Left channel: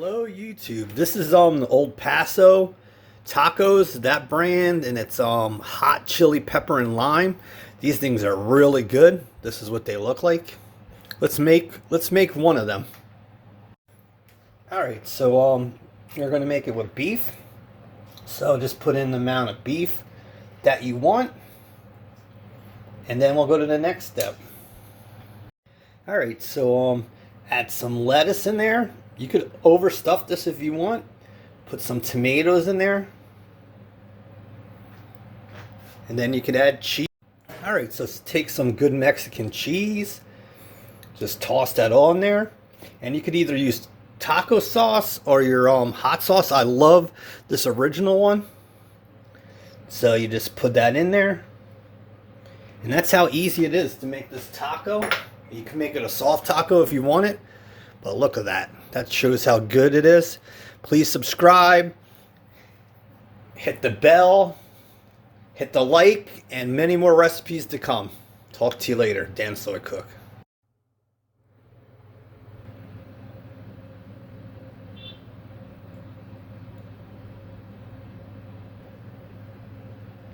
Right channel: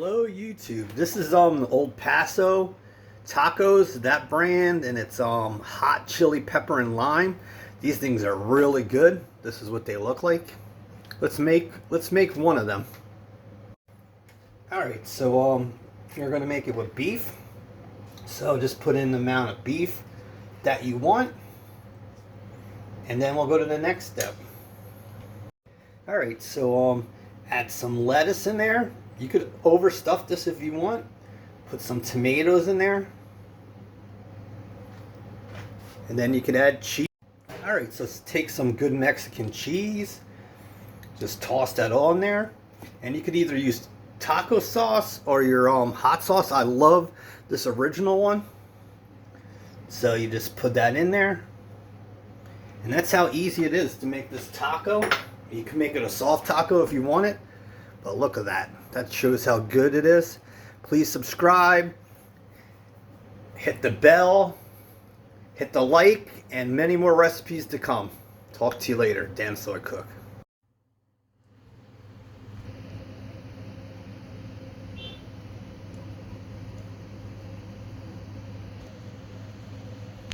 Hello YouTube. This is the old Paso tacos, that brand, and it's hot chili pepper and lime. These things are really good. This is what they look like. Let's make one of them. All right, so you're going to make it with beef. So just put in the amount of beef that you want, and then we'll go to the next step. All right, so add some lettuce in there. You could overstuff this if you want. Put some tomatoes in there. And then you could add cheese. All right, so take some good Mexican cheese. Just toss that all in there. And you could either use taco sauce or your hot sauce. I love this original one. So you just put that in there. And that's how easy it is to make this taco. You can make it a soft taco if you want it. But look at that. That shows how good it is. Please subscribe. Hit the bell. Hit the like. And many more recipes to come. Talk to you later. Dan Soy Cook.